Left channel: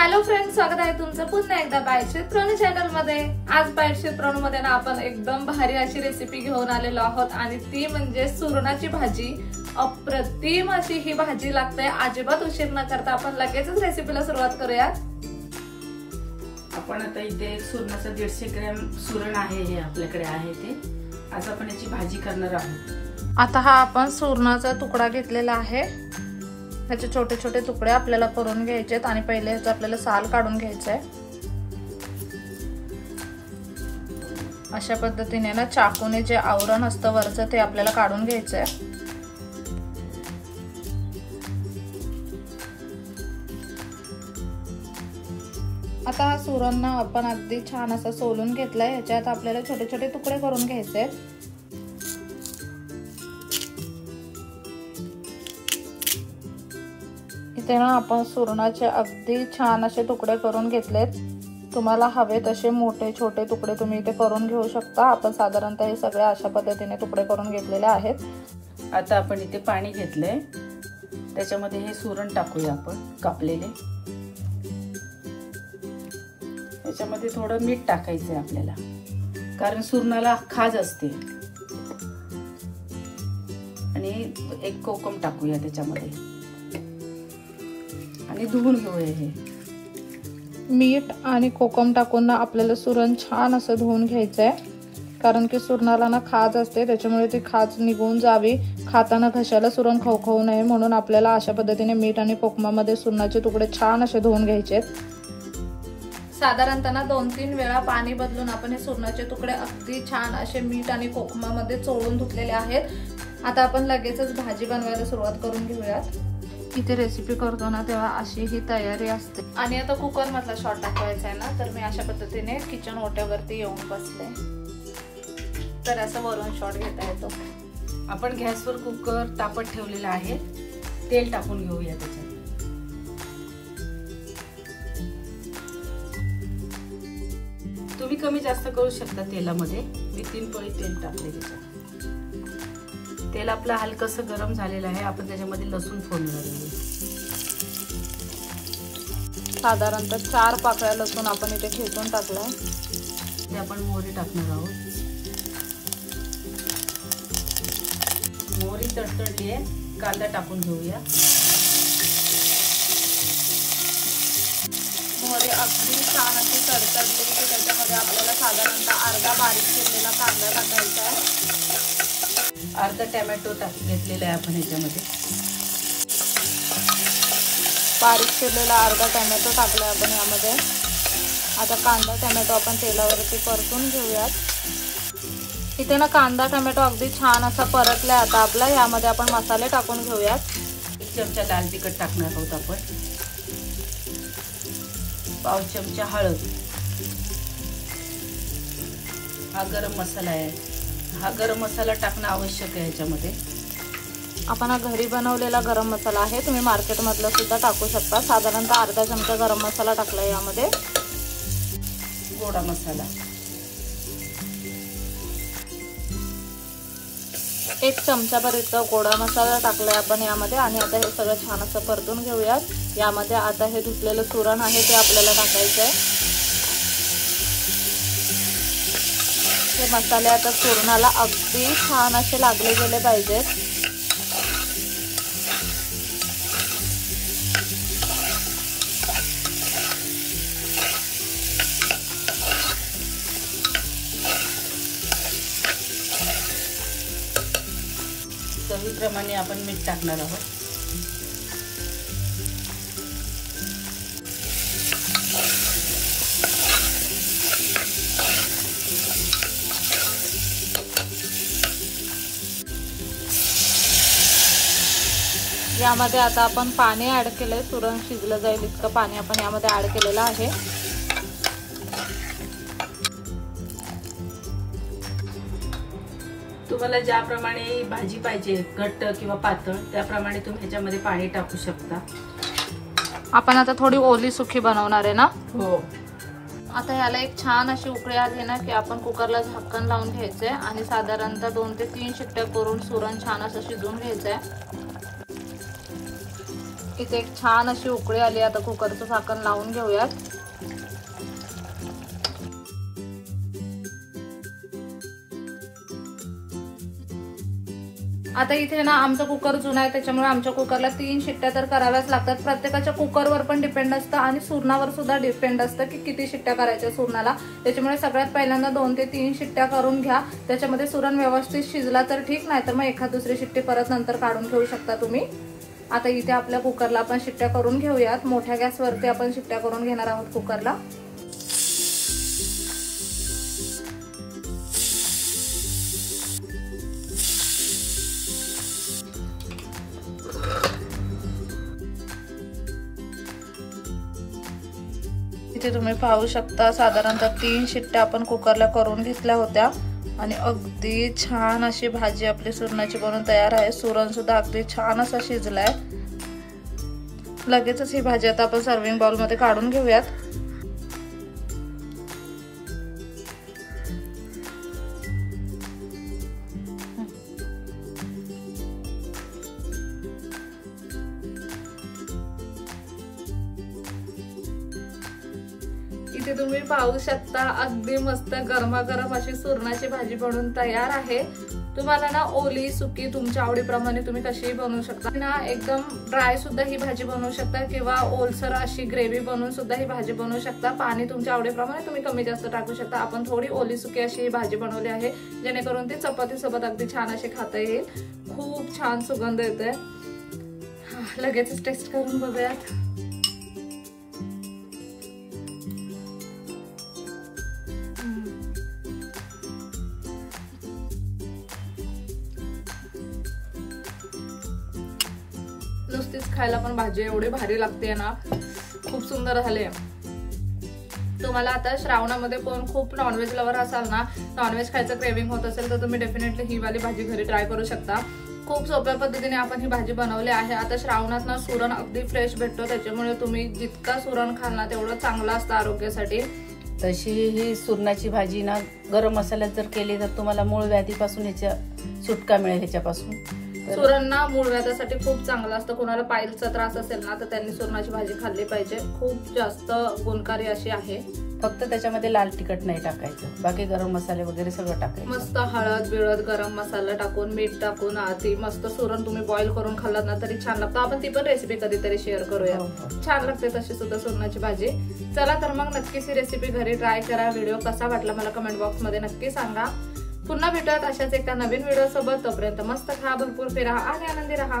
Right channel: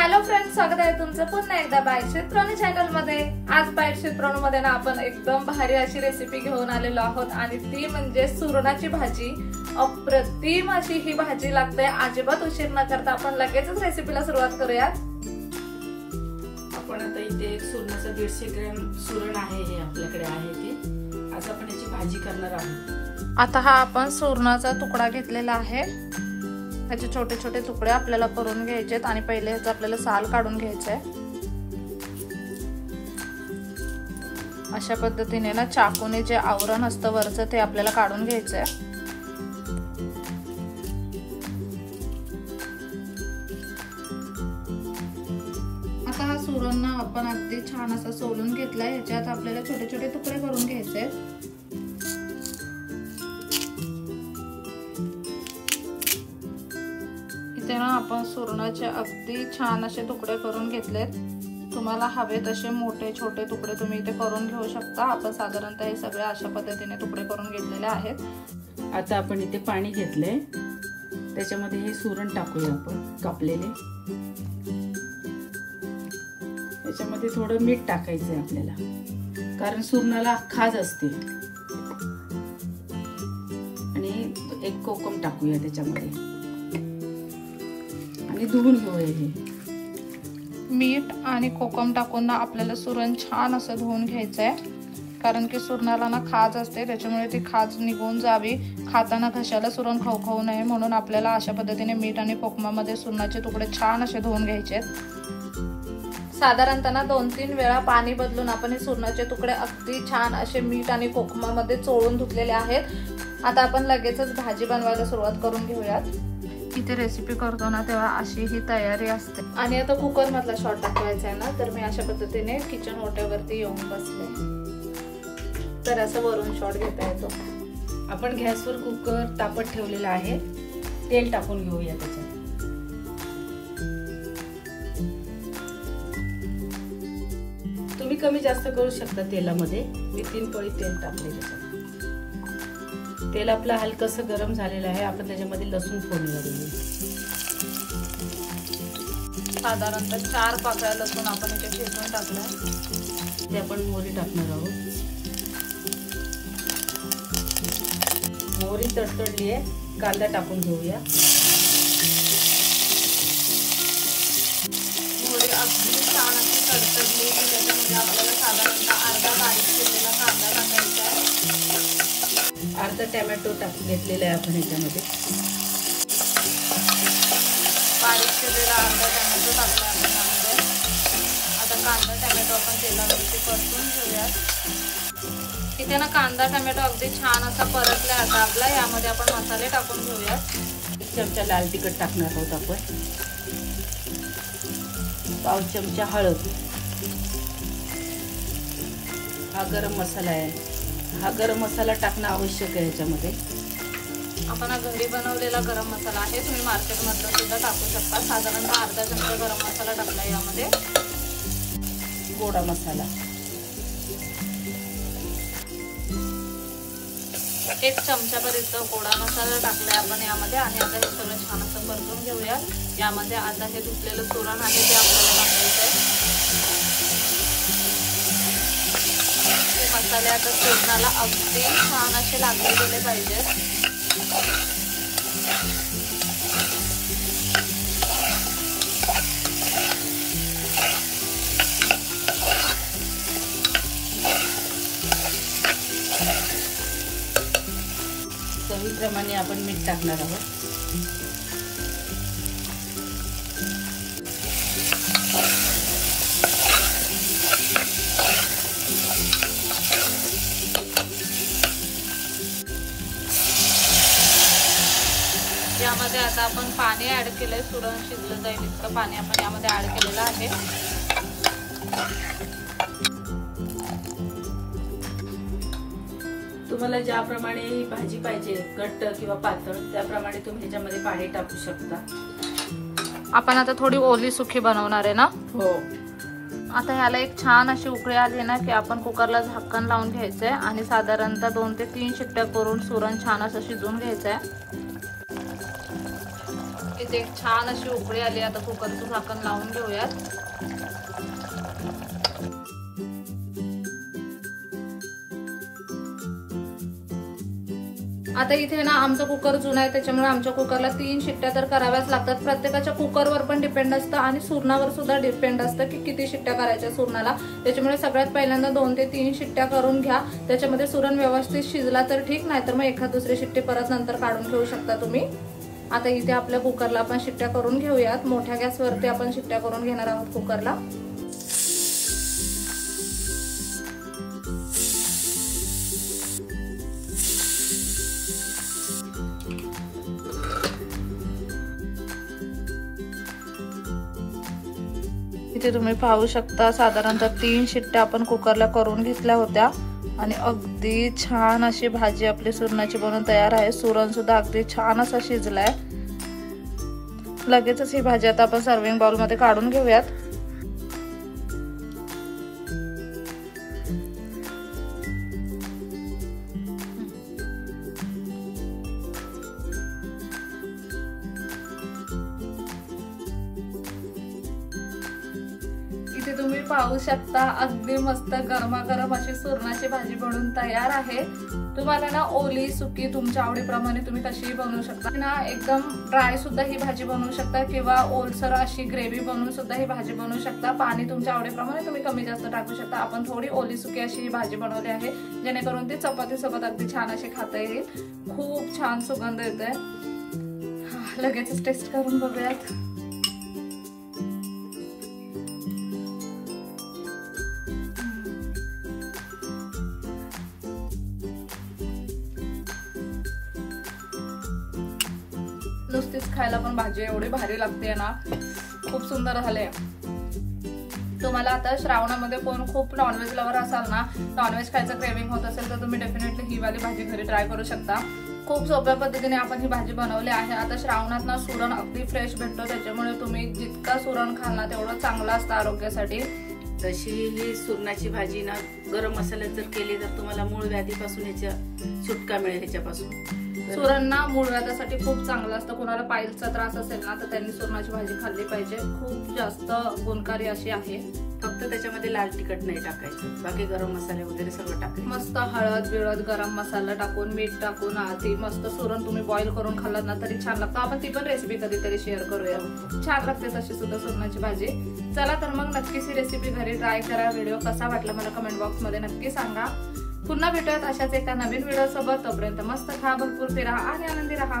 Hello friends, स्वागत आहे तुमचं पुन्हा एकदा बाईट क्षेत्रोनी चॅनल मध्ये। आज बाईट क्षेत्रोनी मध्ये ना आपण एकदम भारी अशी रेसिपी घेऊन आलेलो आहोत आणि ती म्हणजे सुरणाची भाजी। अप्रतिम अशी ही भाजी लागते। अजिबात उशीर न करता आपण लगेचच रेसिपीला सुरुवात करूयात। आपण आता इथे सुरणाचं 150 ग्रॅम सुरण आहे, हे आपल्याकडे आहे ते। आज आपण याची भाजी करणार आहोत। आता हा आपण सुरणाचा तुकडा घेतलेला आहे। ह्याचे छोटे छोटे तुकडे आपल्याला करून घ्यायचे आहेत आणि पहिले ह्याचं आपल्याला साल काढून घ्यायचं आहे। अशा पद्धतीने ना चाकूने जे आवरण असतं वरचं ते आपल्याला काढून घ्यायचं आहे। आता हा सुरण ना आपण अगदी छान असा सोलून घेतलाय। ह्याच्यात आपल्याला छोटे छोटे तुकडे करून घ्यायचे। इथे ना आपण सुरणाचे अगदी छान असे तुकडे करून घेतलेत। तुम्हाला हवे तसे मोठे छोटे तुकडे तुम्ही इथे करून घेऊ शकता। आपण साधारणतः हे सगळे अशा पद्धतीने तुकडे करून घेतलेले आहेत। आता आपण इथे पाणी घेतलंय, त्याच्यामध्ये हे सुरण टाकूया आपण कापलेले। त्याच्यामध्ये थोडं मीठ टाकायचंय आपल्याला, कारण सुरणाला खाज असते। आणि एक कोकम टाकूया त्याच्यामध्ये आणि धुवून घेऊया। हे मीठ आणि कोकम टाकून ना आपल्याला सुरण छान असं धुवून घ्यायचंय, कारण की सुरणाला ना खाज असते, त्याच्यामुळे ती खाज निघून जावी, खाताना घशाला सुरण खवखवू नये म्हणून आपल्याला अशा पद्धतीने मीठ आणि कोकमामध्ये सुरणाचे तुकडे छान असे धुवून घ्यायचे। साधारणतः 2-3 वेळा पाणी बदलून आपण हे सुरणाचे तुकडे अगदी छान असे मीठ आणि कोकमामध्ये चोळून धुतलेले आहेत। आता आपण लगेचच भाजी बनवायला सुरुवात करून घेऊयात। इथे रेसिपी करतो ना तेव्हा अशी ही तयारी असते। आणि आता कुकर मधला शॉट टाकवायचा आहे ना, तर मी अशा पद्धतीने किचन ओट्यावरती येऊन बसले, तर असं वरून शॉट घेता येतो। आपण गॅसवर कुकर तापत ठेवलेला आहे, तेल टाकून घेऊया त्याच्यात। तुम्ही कमी जास्त करू शकता तेलामध्ये। मी 3 पळी तेल टाकले त्याच्यात। तेल आपलं हलकसं गरम झालेलं आहे, आपण त्याच्यामध्ये लसूण फोडणी देऊ। साधारणतः 4 पाकळ्या लसूण आपण इथे ठेचून टाकलाय। ते आपण मोहरी टाकणार आहोत। मोहरी तडतडली आहे, कांदा टाकून घेऊया। मोहरी अगदी छान अशी तडतडली की त्याच्यामध्ये आपल्याला साधारणतः अर्धा बारीक चिरलेला कांदा टाकायचा आहे। अर्धा टोमॅटो घेतलेला आहे आपण ह्याच्यामध्ये। बारीक चिरलेला अर्धा टोमॅटो टाकला आपण यामध्ये। आता कांदा टोमॅटो आपण तेलावरती परतून घेऊयात। इथे ना कांदा टोमॅटो अगदी छान असा परतलाय। आता आपला यामध्ये आपण मसाले टाकून घेऊयात। 1 चमचा लाल तिखट टाकणार आहोत आपण। 1/2 चमचा हळद। हा गरम मसाला आहे, हा गरम मसाला टाकणं आवश्यक आहे ह्याच्यामध्ये। आपण घरी बनवलेला गरम मसाला आहे, तुम्ही मार्केट मधला सुद्धा टाकू शकता। साधारणतः अर्धा चमचा गरम मसाला टाकला यामध्ये। गोडा मसाला 1 चमचापर्यंत गोडा मसाला टाकलाय आपण यामध्ये। आणि आता हे सगळं छान असं परतून घेऊयात। यामध्ये आता हे धुतलेलं सुरण आहे ते आपल्याला टाकायचंय। मसाले आता सुरणाला अगदी छान असे लागले गेले पाहिजे। चवीप्रमाणे आपण मीठ टाकणार आहोत। यामध्ये आता आपण पाणी ऍड केलंय, सुरण शिजलं जाईल इतकं पाणी आपण यामध्ये ऍड केलेलं आहे। तुम्हाला ज्याप्रमाणे भाजी पाहिजे, घट्ट किंवा पातळ, त्याप्रमाणे तुम्ही ह्याच्यामध्ये पाणी टाकू शकता। आपण आता थोडी ओली सुकी बनवणार आहे ना? हो। आता ह्याला एक छान अशी उकळी आली ना की आपण कुकरला झाकण लावून घ्यायचंय आणि साधारणतः 2 ते 3 शिट्ट्या करून सुरण छान असं शिजवून घ्यायचंय। इथे एक छान अशी उकळी आली. आता कुकरचं झाकण लावून घेऊयात. आता इथे ना आमचा कुकर जुना आहे, त्याच्यामुळे आमच्या कुकरला 3 शिट्ट्या तर कराव्याच लागतात. प्रत्येकाच्या कुकरवर पण डिपेंड असतं आणि सुरणावर सुद्धा डिपेंड असतं की किती शिट्ट्या करायच्या सुरणाला. त्याच्यामुळे सगळ्यात पहिल्यांदा 2 ते 3 शिट्ट्या करून घ्या. त्याच्यामध्ये सुरण व्यवस्थित शिजला तर ठीक, नाही तर मग एखाद दुसरी शिट्टी परत नंतर काढून घेऊ शकता तुम्ही. आता इथे आपल्या कुकरला आपण शिट्ट्या करून घेऊयात. मोठ्या गॅसवरती आपण शिट्ट्या करून घेणार आहोत कुकरला. इथे तुम्ही पाहू शकता साधारणतः 3 शिट्ट्या आपण कुकरला करून घेतल्या होत्या आणि अगदी छान अशी भाजी आपली सुरणाची बनवून तयार आहे. सुरण सुद्धा अगदी छान असा शिजलाय. लगेचच ही भाजी आता आपण सर्विंग बाउल मध्ये काढून घेऊयात. इथे तुम्ही पाहू शकता अगदी मस्त गरमागरम अशी सुरणाची भाजी बनवून तयार आहे. तुम्हाला ना ओली सुकी तुमच्या आवडीप्रमाणे तुम्ही कशीही बनवू शकता ना. एकदम ड्राय सुद्धा ही भाजी बनवू शकता किंवा ओलसर अशी ग्रेव्ही बनवून सुद्धा ही भाजी बनवू शकता. पाणी तुमच्या आवडीप्रमाणे तुम्ही कमी जास्त टाकू शकता. आपण थोडी ओली सुकी अशी ही भाजी बनवली आहे जेणेकरून ती चपाती सोबत अगदी छान अशी खाता येईल. खूप छान सुगंध येतोय. लगेचच टेस्ट करून बघूयात. नुसतीच खायला पण भाजी एवढी भारी लागते ना, खूप सुंदर झाले. तुम्हाला आता श्रावणामध्ये कोण खूप नॉनव्हेज लवर असाल ना, नॉनव्हेज खायचं क्रेविंग होत असेल तर तुम्ही डेफिनेटली ही वाली भाजी घरी ट्राय करू शकता. खूप सोप्या पद्धतीने आपण ही भाजी बनवली आहे. आता श्रावणात ना सुरण अगदी फ्रेश भेटतो, त्याच्यामुळे तुम्ही जितका सुरण खाल ना तेवढं चांगलं असतं आरोग्यासाठी. तशी ही सुरणाची भाजी ना गरम मसाल्यात जर केली तर तुम्हाला मूळ व्याधीपासून ह्याच्या सुटका मिळेल. ह्याच्यापासून सुरण ना मूळ व्याधासाठी खूप चांगलं असतं. कोणाला पायलचा त्रास असेल ना तर त्यांनी सुरणाची भाजी खाल्ली पाहिजे. खूप जास्त गुणकारी अशी आहे. फक्त त्याच्यामध्ये लाल तिखट नाही टाकायचं, बाकी गरम मसाले वगैरे सगळं टाकायचं. मस्त हळद बिळद गरम मसाला टाकून मीठ टाकून ती मस्त सुरण तुम्ही बॉईल करून खाल्लात ना तरी छान लागतं. आपण ती पण रेसिपी कधीतरी शेअर करूया. छान लागते तशी सुद्धा सुरणाची भाजी. चला तर मग नक्कीच ही रेसिपी घरी ट्राय करा. व्हिडिओ कसा वाटला मला कमेंट बॉक्स मध्ये नक्की सांगा. पुन्हा भेटूयात अशाच एका नवीन व्हिडिओ सोबत. तोपर्यंत मस्त खा, भरपूर फिरा आणि आनंदी राहा.